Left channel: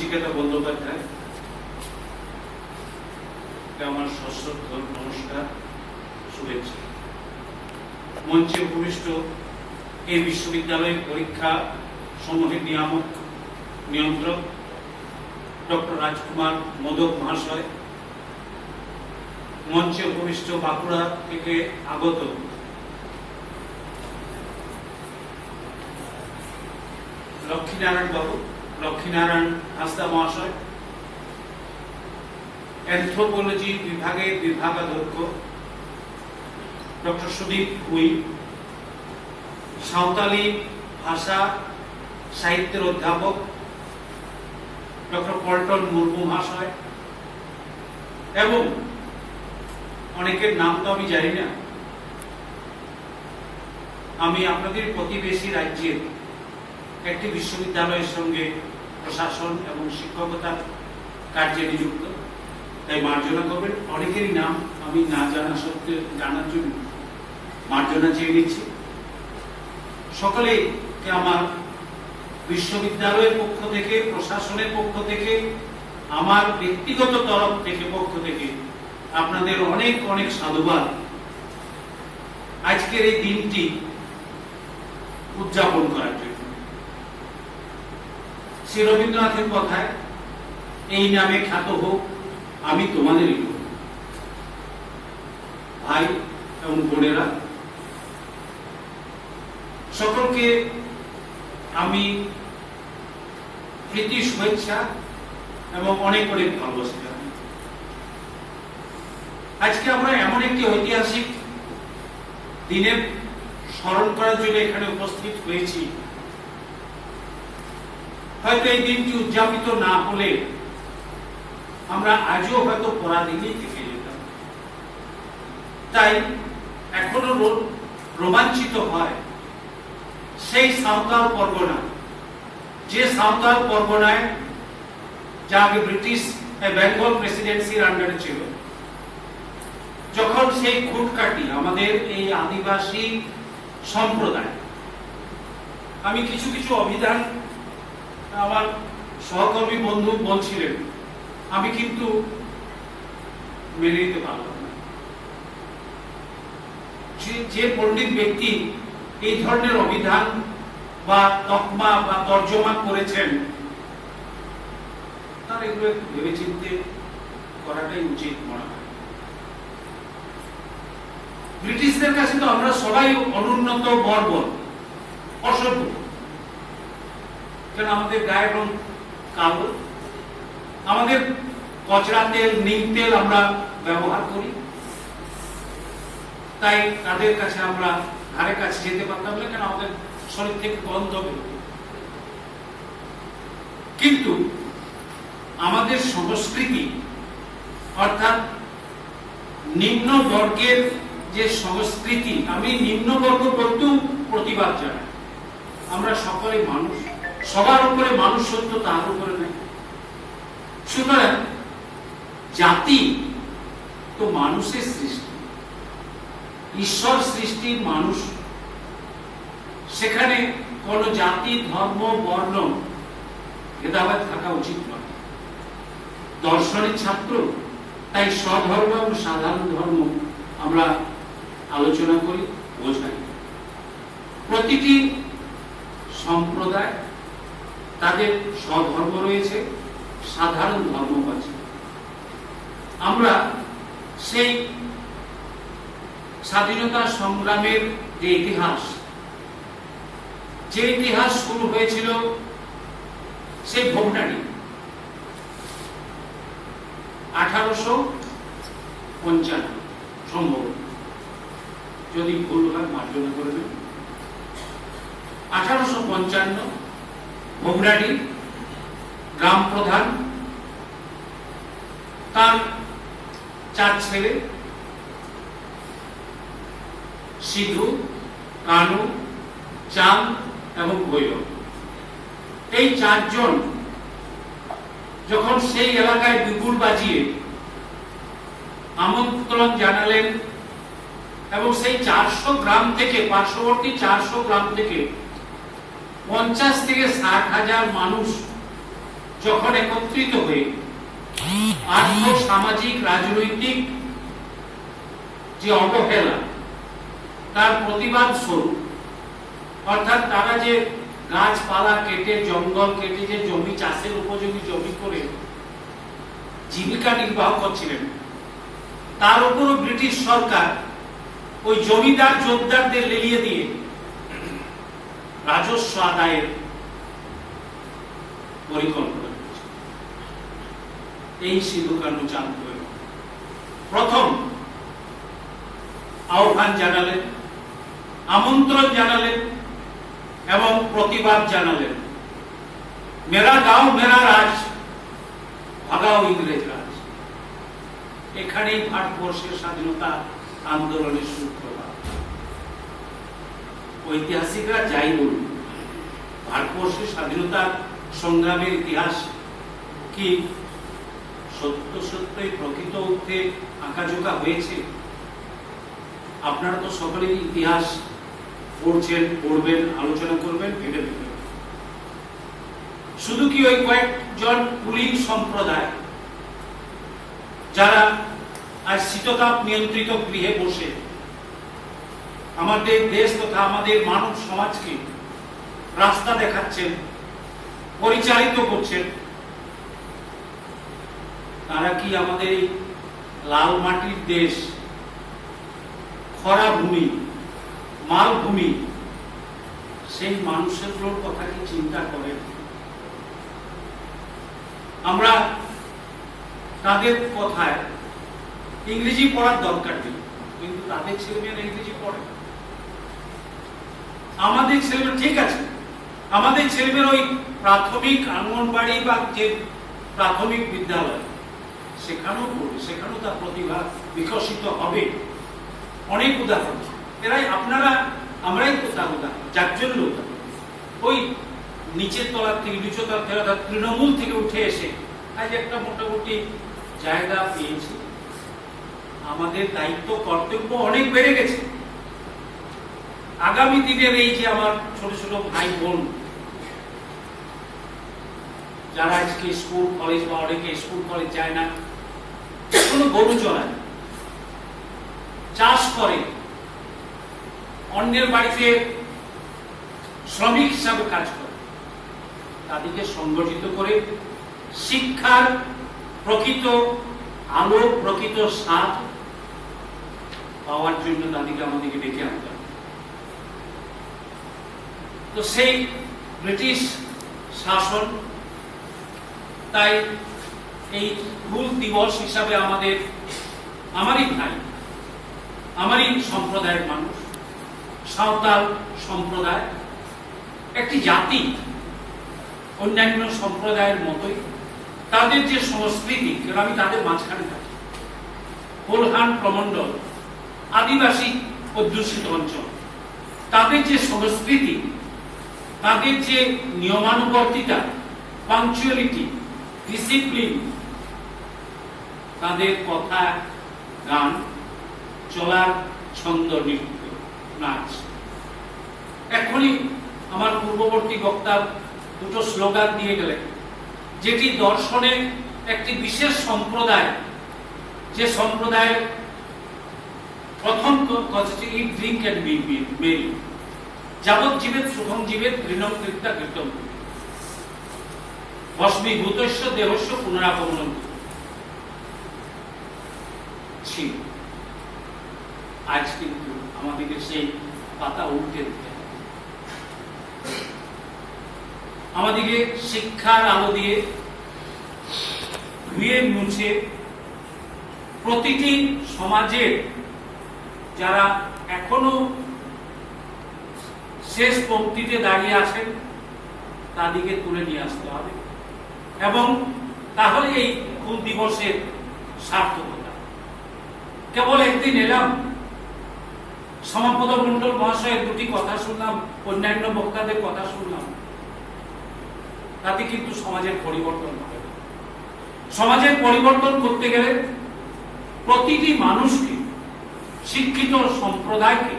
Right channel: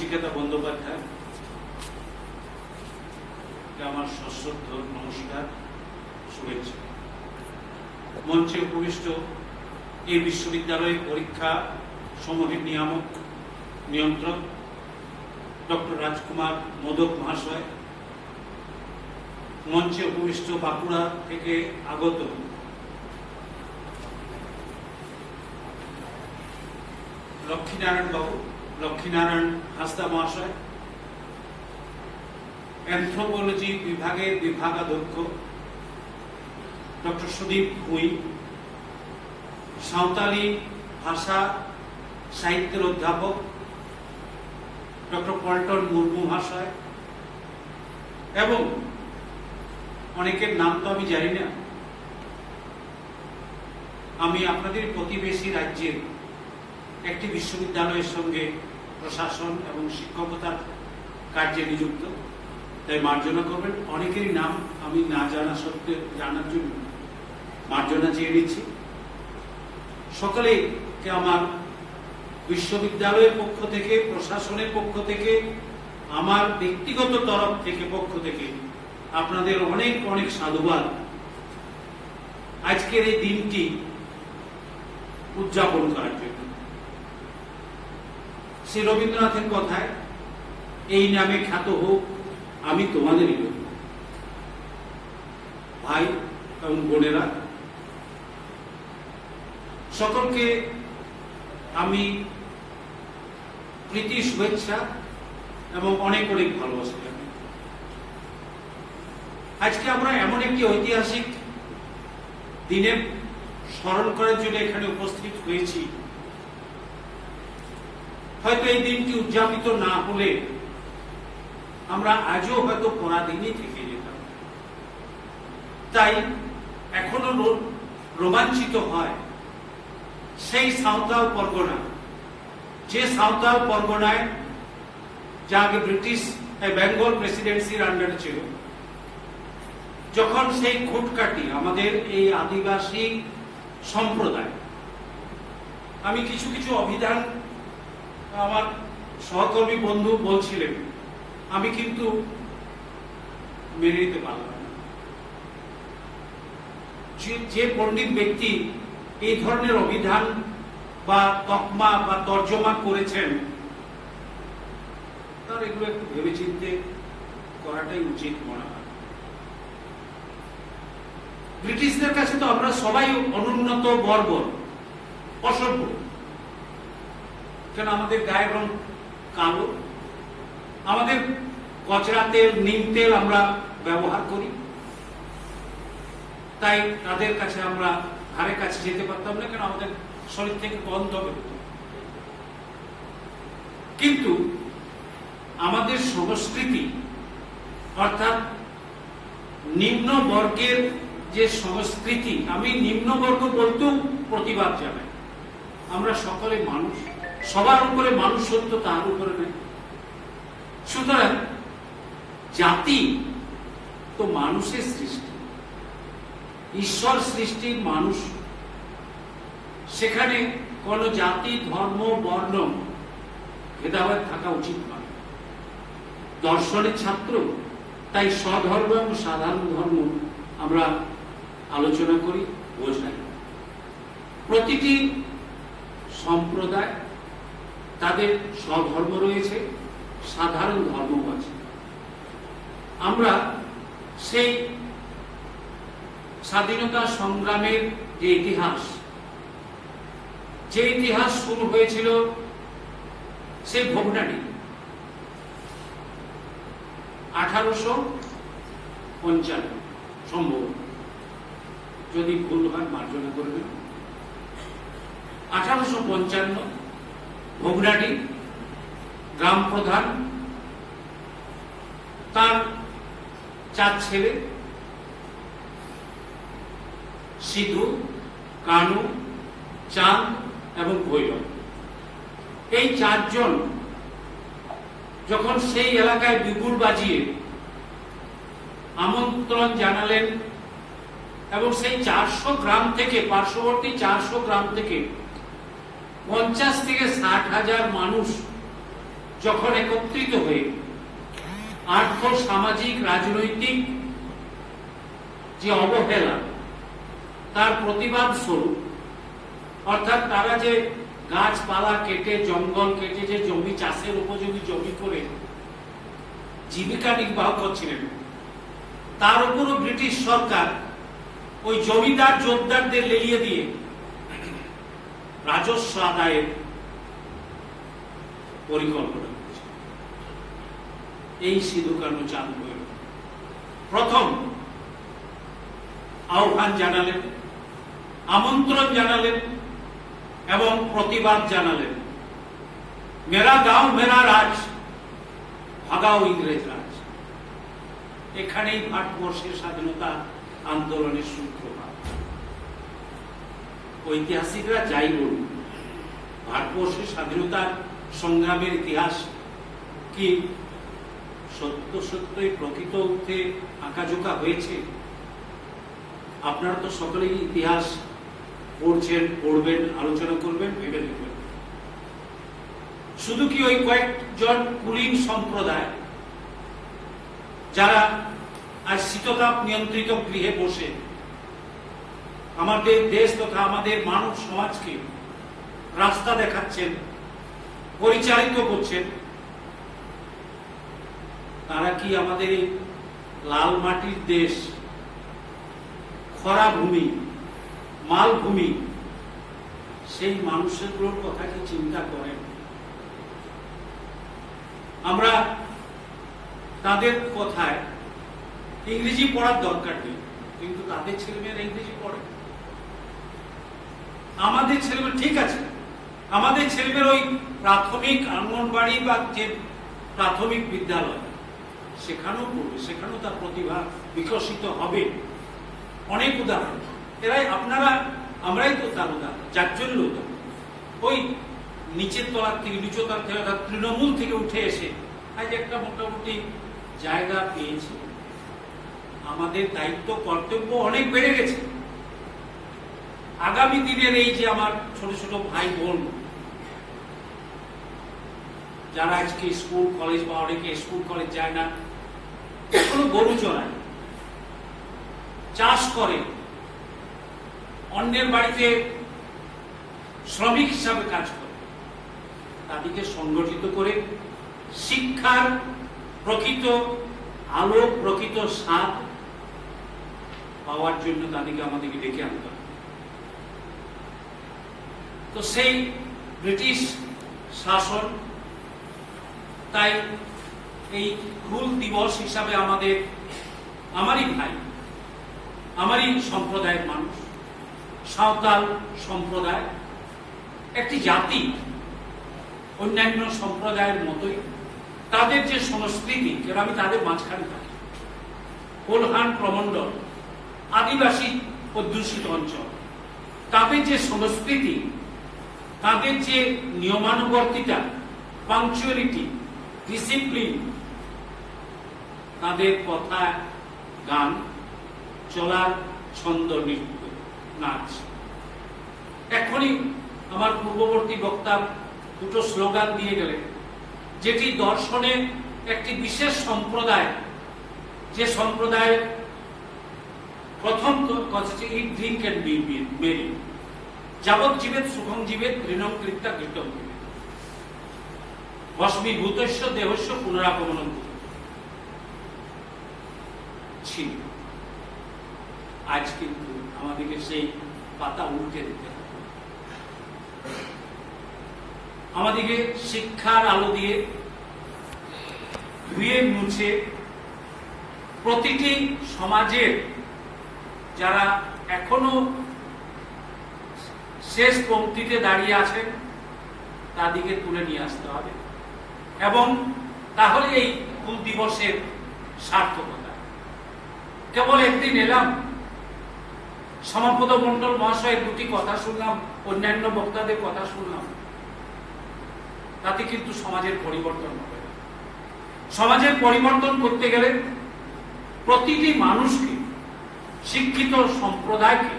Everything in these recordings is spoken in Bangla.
নচিকেতা বন্দ্যোপাধ্যায়, আমার সশ্রদ্ধ নমস্কার, শুভেচ্ছা। মঞ্চে উপবিষ্ট এই বিশ্ববিদ্যালয়ের পরীক্ষা সমূহের নিয়ন্ত্রক ডক্টর রাজকুমার মোদক মহাশয়, মঞ্চে উপবিষ্ট বাঁকুড়া থেকে আগত লক্ষ্মীনারায়ণ হাসদা মহাশয়, অ্যানথ্রোপোলজি বিভাগের বিভাগাধ্যক্ষ ডক্টর সুদীপ ভুঁই, সাঁওতালি ভাষা সাহিত্যের অধ্যাপক ডক্টর পল্টন মুর্মু মহাশয়, এবং অনেকের নাম তো আমি জানি না, আমি আপনাদের প্রতিবেশী রাজ্যের একটি বিশ্ববিদ্যালয়ের সঙ্গে প্রশাসন এবং শিক্ষকতার কার্যে নিযুক্ত, তাই মার্জনা করবেন। অনেকেরই নাম আমি না জানা সত্ত্বেও জানার জন্য মার্জনা চেয়ে নিচ্ছি। সকলেকে আমার বিশ্ববিদ্যালয়ের পক্ষ থেকে, প্রশাসনের পক্ষ থেকে, আমার ব্যক্তিগত তরফ থেকে পক্ষ থেকে আপনাদের অনেক অনেক সাধুবাদ আজকের এই দিনটি উদযাপন করার জন্য। শ্রী রবীন্দ্রনাথের কথায়, এই নামে খ্যাত হোক আমি তোমাদেরই লোক। ভাই এবং বোনেরা, সকলকে আমি প্রীতি শুভেচ্ছা এবং অনেক অনেক ভালোবাসা জানাই। আজকে আমরা এমন একটি ঐতিহাসিক দিনের স্মরণ করার জন্য এখানে উপস্থিত হয়েছি। হয়তো এই দিনটি উদযাপিত না হলে আমরা আজও হয়তো পরাধীনই থেকে যেতাম। তাই এখনো রোমাঞ্চিত হয় সেই সাঁওতাল পরগনা, যে সাঁওতাল পরগনায় যা আগে ব্রিটিশ বেঙ্গল প্রেসিডেন্সির আন্ডারে ছিল, যখন সেই খুঁটকাটি আমাদের এই আদিবাসী সম্প্রদায়, আমি কিছু কিছু অভিধান আমার সহকর্মী বন্ধু বলছিলেন, আমি কিন্তু মেনে নিতে পারলাম না। যে পণ্ডিত ব্যক্তি এই ধরনের অভিধান বা তকমা বা তর্জমা করেছেন, তার এগুলো একটু ভেবে চিন্তে করাটাই উচিত মনে হয়। ব্রিটিশদের কাছে তো আমরা সবাই অনুন্নত, বর্বর, অসভ্য। কেন আমাদের গায়ের রং কালো, আমাদের কচরা তেল, নিম তেল আমরা ব্যবহার করি, তাই তাদের কাছে আমরা ধারে কাছে যেতে পারতাম না, কেন আমাদের শরীর থেকে গন্ধ বেরোত। কিন্তু আমাদের সংস্কৃতি, অর্থাৎ নিম্ন বর্গের যে সংস্কৃতি, আমি নিম্ন বর্গ বলতেও প্রতিবাদ জানাই। আমরা সকলে মানুষ, সবার উপরে মানুষত্ব, তার উপরে নেই। সুতরাং জাতি তো মানুষের সৃষ্টি, ঈশ্বর সৃষ্টির মানুষ, সেখানে কোন জাতি, ধর্ম, বর্ণ ভেদাভেদ থাকা উচিত নয়। দর্শনের ছাত্র, তাই স্বধর্ম এবং সাধারণ ধর্ম আমরা আলোচনা করি, বোঝাই। প্রতিটি সম্প্রদায় তাদের স্বধর্ম রয়েছে, সাধারণ ধর্ম আছে। আমরা সেই স্বাধীনতা সংগ্রামের যে ইতিহাস শুরু হয়েছিল সেই ভোগটানি 1855 সম্ভব, যদি ভুল হয় মার্জনা করবেন। 1855 ভোগড়াডি গ্রাম প্রধান তার 4 ছেলে, সিধু, কানু, চাঁদ এবং ভৈরব, এই 4 জন যখন সেই এলাকায় বিপুল বাজিয়ে আমন্ত্রণ জানালেন, এবং সেই 400 গ্রাম থেকে, পার্শ্ববর্তী 400 গ্রাম থেকে 50 থেকে 60 হাজার মানুষ যখন একত্রিত হয়ে আর্থ সামাজিক রাজনৈতিক যে অবহেলা তার প্রতিবাদ স্বরূপ, অর্থাৎ তারা যে গাছপালা কেটে জঙ্গল কেটে যে জমি চাষের উপযোগী জমি করে জীবিকা নির্বাহ করছিলেন, তার উপরও ব্রিটিশ সরকার ওই জমিদার জোরদারদের লেলিয়ে দিয়ে রাজস্ব আদায়ের পরিকল্পনা করছে। এই সিধু কানু চাঁদ ভৈরব প্রথম আহ্বান জানালেন, আমন্ত্রণ জানালেন এবং প্রতিবাদ জানালেন, মেরা গাঁও মেরা রাজ, ভাগাও ইংরেজ রাজ। এখানেই ভারতবর্ষের স্বাধীনতা আন্দোলনের সূত্রপাত। ঐতিহাসিকরা যাই বলুন, ভারতবর্ষের স্বাধীনতা সংগ্রামের ইতিহাস কি সত্য সত্যই প্রকৃত অর্থে আঁকাঝোঁকা হয়েছে? আপনারা তো সকলেই ইতিহাস পড়ছেন, পড়বেন, আলোচনা করবেন, ভেবে দেখবেন। শুধু কি ওই কয়েকজন কুলীন সম্প্রদায় যারা আজ শীততাপ নিয়ন্ত্রিত গৃহে বসে আমাদের দেশ তথা আমাদের মানব সমাজকে রাস্তা দেখাচ্ছেন, পরিচালিত করছেন, তারা কি আমাদের লাল মাটির দেশ, খরা ভূমি, মালভূমি, সেই মানুষগুলোর কথা কি চিন্তা করেন? আমরা তাদের কথায় ইংরেজি পড়ার দরকার নেই, কিন্তু তাদের ছেলেমেয়েরা ইংরেজি পড়ে। আমাদের ছেলেমেয়েরা ঠিক আছে, আমাদের ছেলেমেয়েরা ওই প্রাথমিক অঙ্গনবাড়ি বা যে প্রাথমিক বিদ্যালয় সেখানেও পড়বে, সেখানেও তার প্রতিভা বিকশিত হবে। অনেক উদাহরণ এরাই আপনারা আমরাই তো তার উদাহরণ, যার জন্য ওই নিচের তলার থেকে নিচতলার থেকে তৃণমূল থেকে উঠে এসে আজ একটা মোটামুটি জায়গা পেয়েছে। আমাদের দায়িত্ব কর্তব্য অনেক বেড়ে গেছে। আগামী দিনের এই যে আমার ছোট ছোট ভাই বোন যারা আজকে স্কুল কলেজ বা অনেকে স্কুল কলেজ যায় না, কোনো গরু চড়ায়, চাষ করে, অন্যের বাড়িতে শ্রমিক হিসাবে কাজ করে, তাদেরকে সংগঠিত করে শিক্ষার প্রকৃত আলো, প্রকৃত স্বাদ পাওয়ার জন্য তাদেরকে আমাদেরকে ডেকে আনতে হবে। তো সেই ব্রিটিশ শাসন তাই এই হুল দিবস হিসাবে আমারই ভাই, আমারই সম্প্রদায়ের মানুষ, সাঁওতাল সম্প্রদায় একটি জাতি, অন্যান্য সম্প্রদায়ের মতোই তাদের যে সংস্কৃতি, যেটা আমি তাদের মাঝখানে থাকি, কোলহান প্রমণ্ডল আদিবাসী অধ্যুষিত অঞ্চল, তাদের যে সংস্কৃতি, তাদের যে নিয়মানুবর্তিতা, পাংচুয়ালিটি, ডিসিপ্লিন, তাদের কথা, গান, চলার ছন্দ, নৃত্য, নাচ। এখনই আমার পূর্ববর্তী বক্তা দুটো স্লোগান দিয়ে গেলেন, যেটি দর্শনের একটি বিশেষ সম্প্রদায়, যে সম্প্রদায়ের প্রথম কথাটি ইট ড্রিঙ্ক এন্ড বি মেরি, যাবৎ জীবেত সুখম জীবেত ঘৃণম কৃত্যা কৃতম ভস্মীভূতস্য দেহস্য পুনরাগমনম ছিল। আজ কিন্তু আমাদেরকে সেই পাতা উল্টে দিতে হবে। আমাদেরকে শিক্ষার আলো দিয়ে ধুয়ে মুছে প্রতিটি সমাজের যারা এখনো শেষ পংক্তিতে দাঁড়িয়ে আছেন তাদেরকে তুলে নিয়ে আসতে হবে, এবং তাহলে এই হুল দিবসের সার্থকতা। কেবল একদিন এলাম, সমাপদ মন্ডল মহাশয়ের দুটি কথা শুনলাম, অন্যান্য বক্তাদের কথা শুনলাম, তাতে কিন্তু সমাজের পরিবর্তন হবে। সমাজের পরিবর্তন করতে গেলে প্রতিটি মানুষকে, শিক্ষিত সম্প্রদায়কে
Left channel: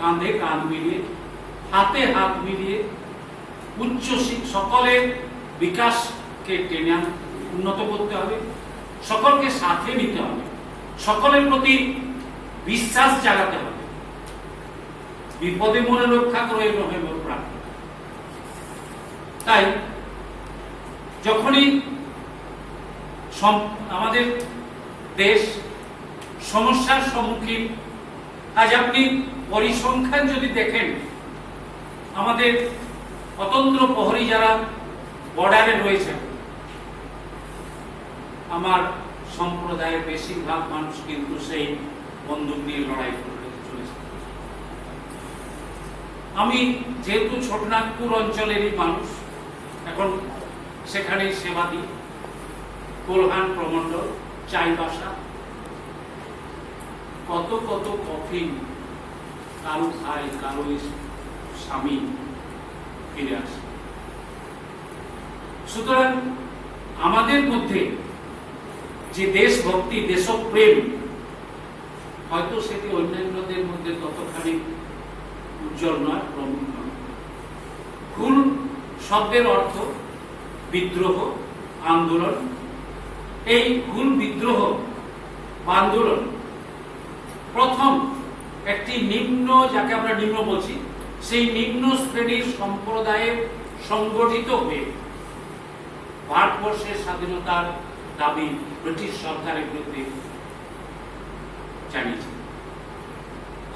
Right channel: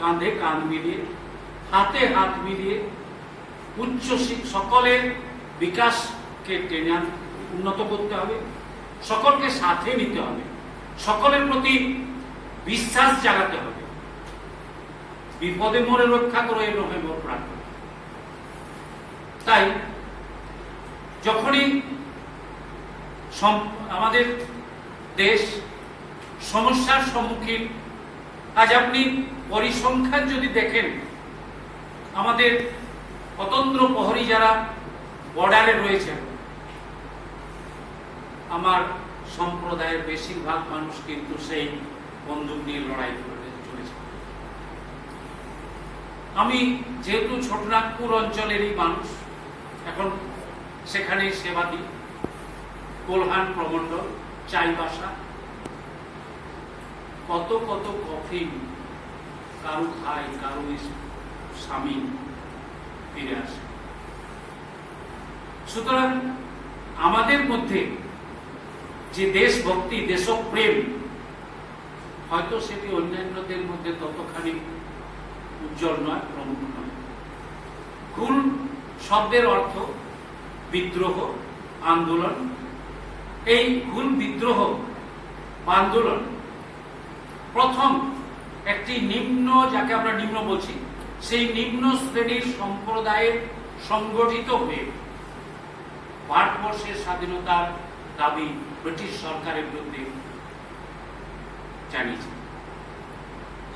কাঁধে কাঁধ মিলিয়ে, হাতে হাত মিলিয়ে, উচ্চ সকলের বিকাশকে টেনে উন্নত করতে হবে, সকলকে সাথে নিতে হবে, সকলের প্রতি বিশ্বাস জাগাতে হবে। বিপদে মনে রক্ষা করে নভেম্বর রাখতে হবে। তাই যখনই আমাদের দেশ সমস্যার সম্মুখীন, আজ আপনি পরিসংখ্যান যদি দেখেন, আমাদের অতন্ত্র প্রহরী যারা বর্ডারে রয়েছে, আমার সম্প্রদায়ের বেশিরভাগ মানুষ কিন্তু সেই বন্দুক নিয়ে লড়াই করতে চলেছে। আমি যেহেতু ছোটনাগপুর অঞ্চলেরই মানুষ, এখন সেখানেই সেবা দিই, কোলহান প্রমন্ডল, চাইবাসা, কত কত কফিন কারো খাই, কারো স্বামী ফিরে আসে। সুতরাং আমাদের মধ্যে যে দেশভক্তি, দেশপ্রেম, হয়তো সেটি অন্যান্যদের মধ্যে ততখানি উজ্জ্বল নয়, প্রমুখ নয়। হুল শব্দের অর্থ বিদ্রোহ, আন্দোলন। এই হুল বিদ্রোহ বা আন্দোলন প্রথম একটি নিম্ন, যাকে আমরা নিম্ন বলছি, সেই নিম্ন শ্রেণীর সম্প্রদায়ে সংগঠিত হয়ে ভারতবর্ষের স্বাধীনতার দাবি ব্রিটিশ সরকারের বিরুদ্ধে জানিয়েছে।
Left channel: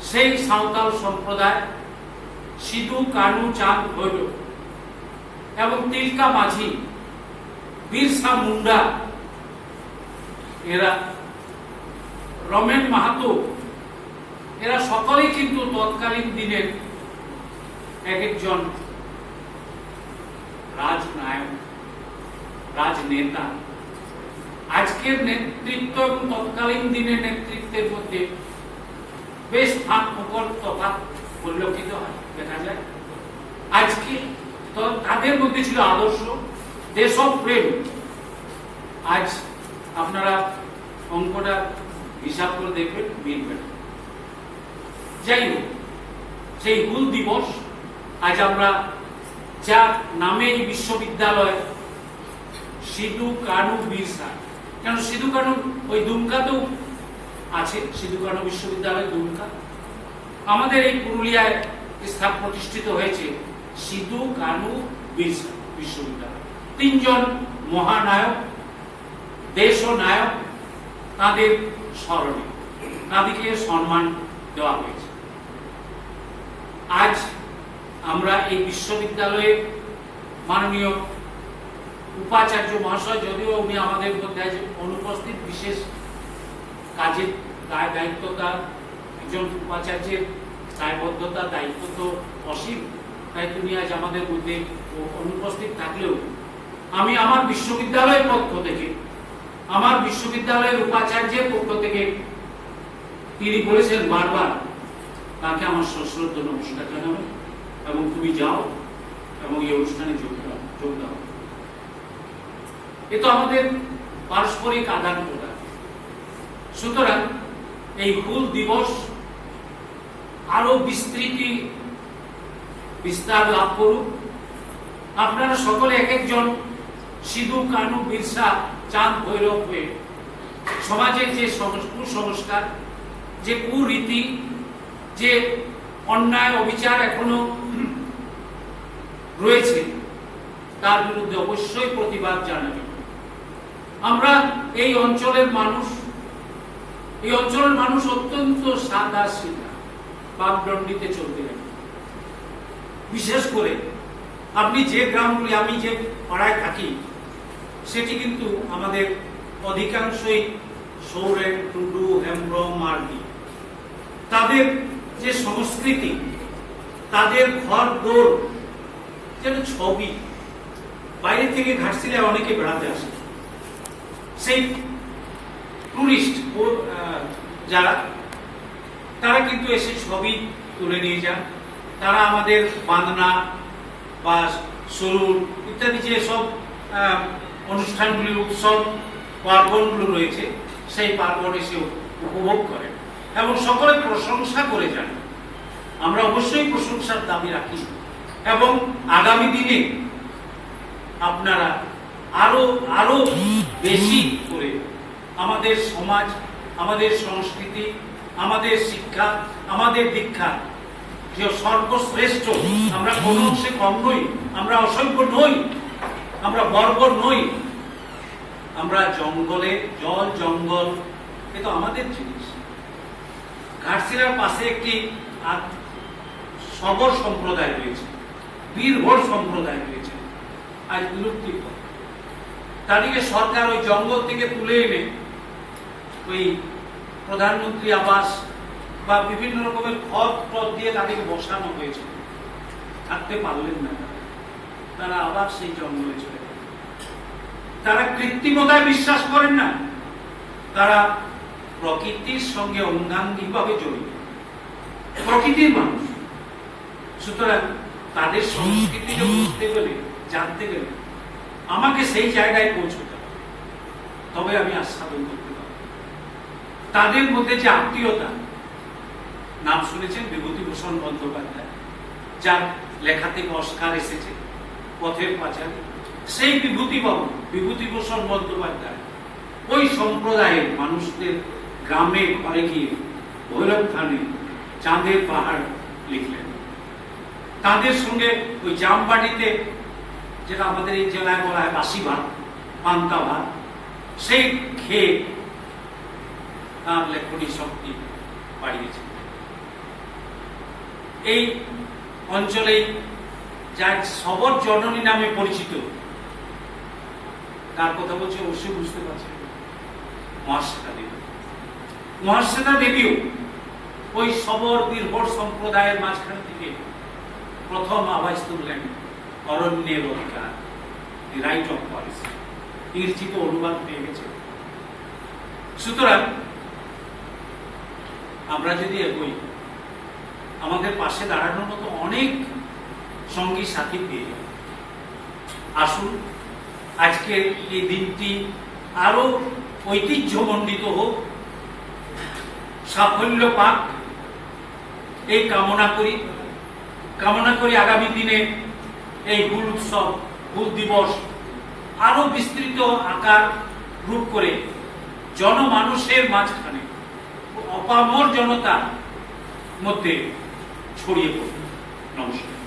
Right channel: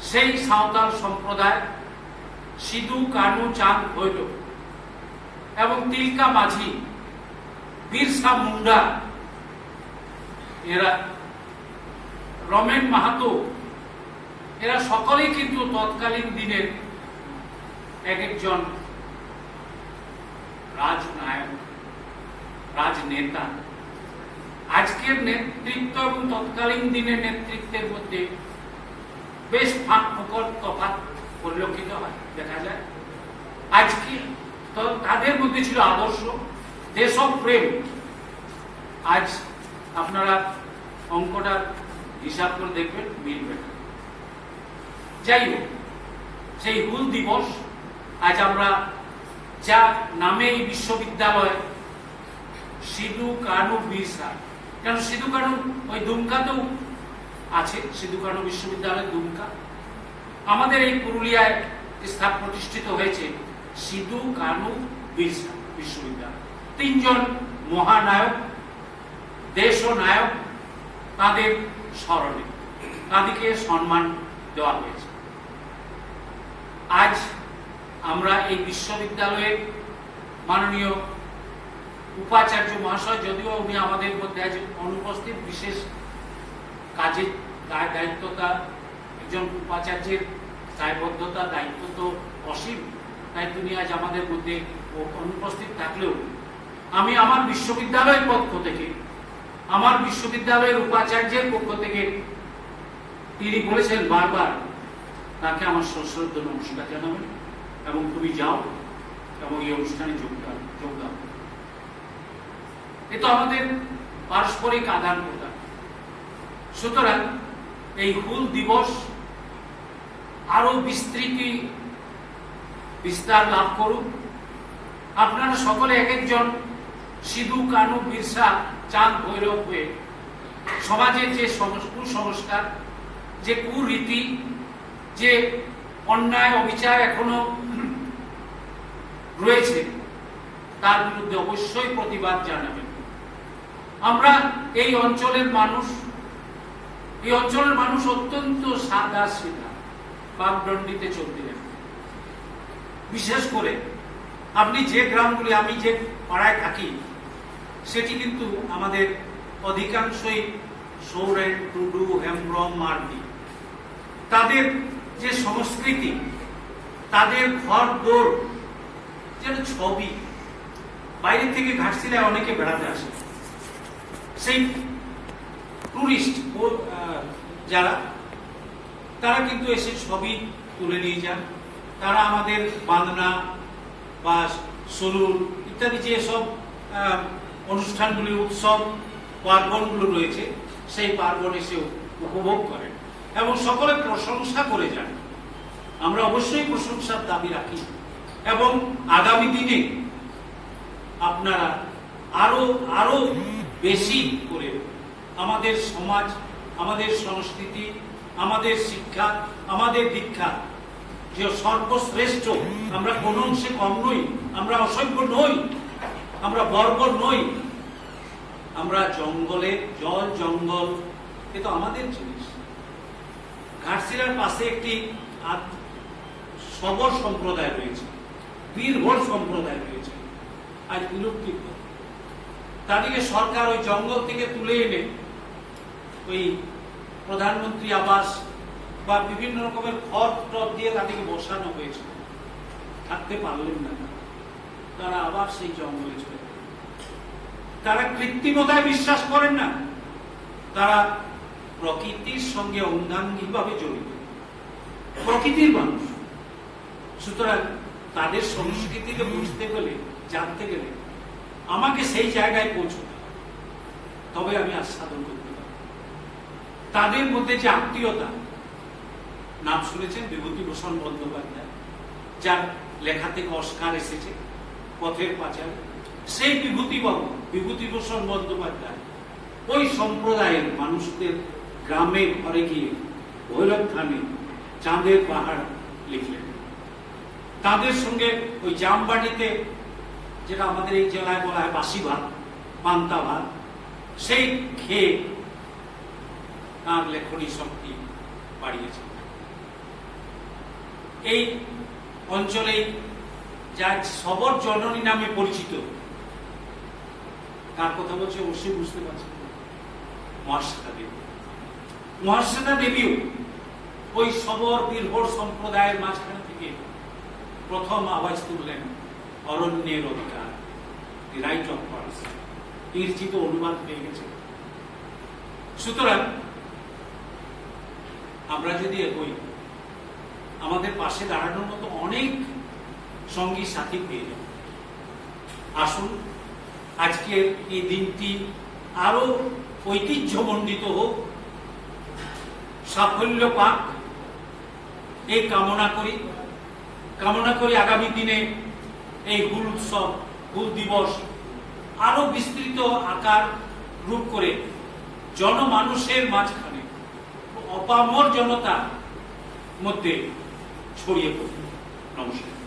সেই সাঁওতাল সম্প্রদায় সিধু, কানু, চাঁদ, ভৈরব এবং তিলকা মাঝি, বিরসা মুন্ডা, এরা রমেন মাহাতো, এরা সকলেই কিন্তু তৎকালীন দিনের এক একজন রাজনায়ক, রাজনেতা। আজকের নেতৃত্ব এবং তৎকালীন দিনের নেতৃত্বের মধ্যে বেশ ফাঁক ফোকর তফাৎ পরিলক্ষিত হয়, দেখা যায়। আজকে তো তাদের মধ্যে ছিল আদর্শ, দেশপ্রেম। আজ আপনারা অঙ্কটা হিসাব করে দেখবেন, মিলবেন। যাই হোক, সেই হুল দিবস আজ আমরা যা নামে এই বিশ্ববিদ্যালয় সিধু, কানু, বিরসা, কেন সিধু কানু ওই দুমকাতেও আছে, সিধু কানু বিশ্ববিদ্যালয় দুমকা। আমাদের এই পুরুলিয়ায় প্রতিষ্ঠিত হয়েছে সিধু, কানু, বিরসা বিশ্ববিদ্যালয়। তিনজন মহানায়ক, দেশ ও নায়ক, তাদের স্মরণে তাদেরকে সম্মান দেওয়া হয়েছে। আজ আমরা এই বিশ্ববিদ্যালয়ের মাননীয় উপাচার্য মহাশয়, যদিও উনি আমাদের মধ্যে অনুপস্থিত, বিশেষ কাজে দায়িত্বতা, একজন উপাচার্যের দায়বদ্ধতা, দায়িত্ব তো অসীম, তাই তিনি আজ আমাদের মধ্যে অনুপস্থিত থাকলেও আমি আমার বিশ্ববিদ্যালয়ের পক্ষ থেকে, আমার বিশ্ববিদ্যালয়ের উপাচার্যের পক্ষ থেকে তিনি বলেছেন বারবার, তাকে আমার সশ্রদ্ধ নমস্কার জানাবেন এবং তুমি যাও এবং এই অনুষ্ঠানে যোগ দাও। এ তো আমাদের পারস্পরিক আদান প্রদান। সুতরাং এই হুল দিবস আরো বিস্তার লাভ করুক। আপনারা সকলে এক একজন সিধু, কানু, বিরসা, চাঁদ, ভৈরব হয়ে সমাজের যে কুসংস্কার, যে কুরীতি, যে অন্যায় অবিচার এখনো রয়েছে, তার বিরুদ্ধে অবশ্যই প্রতিবাদ জানাবে। আমরা এই অঞ্চলের মানুষ অত্যন্ত সাদা সিধা, বাকদণ্ডিতে চলতে জানে। বিশেষ করে আপনি যে গ্রামগুলি, আমি যে পাড়ায় থাকি, সেটি কিন্তু আমাদের অধিকাংশই সৌরেন, টুডু, হেমব্রম, মার্গি। তাদের যে সংস্কৃতি, তাদের ঘর দোর, যেটা ছবি, বাইরে থেকে ঘাটশিলায় অনেকে বেড়াতে আসে, সেই টুরিস্ট যারা, তারা কিন্তু এসে ছবি তুলে নিয়ে যান। তারা আমাদের বাঁধনা বা সরুর ইত্যাদি যে সব অনুষ্ঠানগুলি, উৎসব পার্বণগুলো রয়েছে, সেই পার্বণ এসে উপভোগ করেন এবং সকলে প্রশংসা করে যান। আমরা অবশ্যই প্রশংসার দাবি রাখি এবং আগামী দিনে আপনারা আরো আরো বেশি করে আমাদের সমাজ, আমাদের সংস্কৃতি, আমাদের শিক্ষা, আমাদের দীক্ষা যে সর্বশ্রেষ্ঠ, আমরা কোনো অংশে কম নই, আমরা অসভ্য নই, আমরা বর্বর নই, আমরা জঙ্গলে জল জঙ্গল এ তো আমাদের জিনিস। ঘাটশিলার পাশে একটি সবর সম্প্রদায় রয়েছে, বীরভোর সম্প্রদায় রয়েছে, আজ বিলুপ্তির পথে। তাদেরকে সরকার ওই জঙ্গল থেকে তুলে এনে ওই প্রধানমন্ত্রী আবাস বা বিভিন্ন রকমের ঘর টপ দিয়ে তাদেরকে বসানো হয়েছিল, থাকতে পারলেন না, তারা আবার সেই জঙ্গলে চলে গেল। তারা কৃত্রিমতায় বিশ্বাস করেন না, তারা প্রকৃতির সঙ্গে অঙ্গাঙ্গিভাবে জড়িত, প্রকৃতির মানুষ। সুতরাং তাদের সংস্কৃতিকে বুঝতে গেলে, জানতে গেলে আমাকে সেই জায়গায় পৌঁছতে হবে, তবে আমি আস্বাদন করতে পারব। তাদের মধ্যে যে আত্মীয়তা, নাম শুনেছেন বিভূতিভূষণ বন্দ্যোপাধ্যায়, যার লেখা থেকে অস্কার এসেছে পথের পাঁচালী, সেই বিভূতিভূষণ বন্দ্যোপাধ্যায় ওই সম্প্রদায়ের মানুষদের গ্রামে ঘরে গিয়ে ভৈরব থানে চাঁদের পাহাড় লিখলেন। তাদের সঙ্গে ওই জামবাটিতে, যেটা আমাদের এই জেলায় বলা হয় বাসি ভাত, পান্তা ভাত, সেই খেয়ে তার লেখনী শক্তি বাড়িয়েছে। এই অঞ্চলেই যা সবর জননী নামে পরিচিত, কার কথা বলছে অবশ্যই বুঝতে পারছেন, মহাশ্বেতা দেবী। মহাশ্বেতা দেবীও ওই সবর বীরভোর সম্প্রদায়ের মাঝখানে থেকে প্রথম আওয়াজ তুললেন অরণ্যের অধিকার, দি রাইট অফ ভয়েস। ইংরেজিত অনুবাদ পেয়ে গেছে। সুতরাং আমরা যদি এগোই, আমাদের পাশে দাঁড়ানোর মতো অনেক সঙ্গী সাথী পেয়ে যাবে। আসুন আজকের এই দিনটি আরো ঐতিহ্যমণ্ডিত হোক, সাফল্য পাক, এই কামনা করি আগামী দিনে এই হুল উৎসব, হুল দিবস আরো বিস্তৃত আকার রূপ করে জনমানুষের মাঝখানে, অপামর জনতার মধ্যে ছড়িয়ে পড়ে। নমস্কার।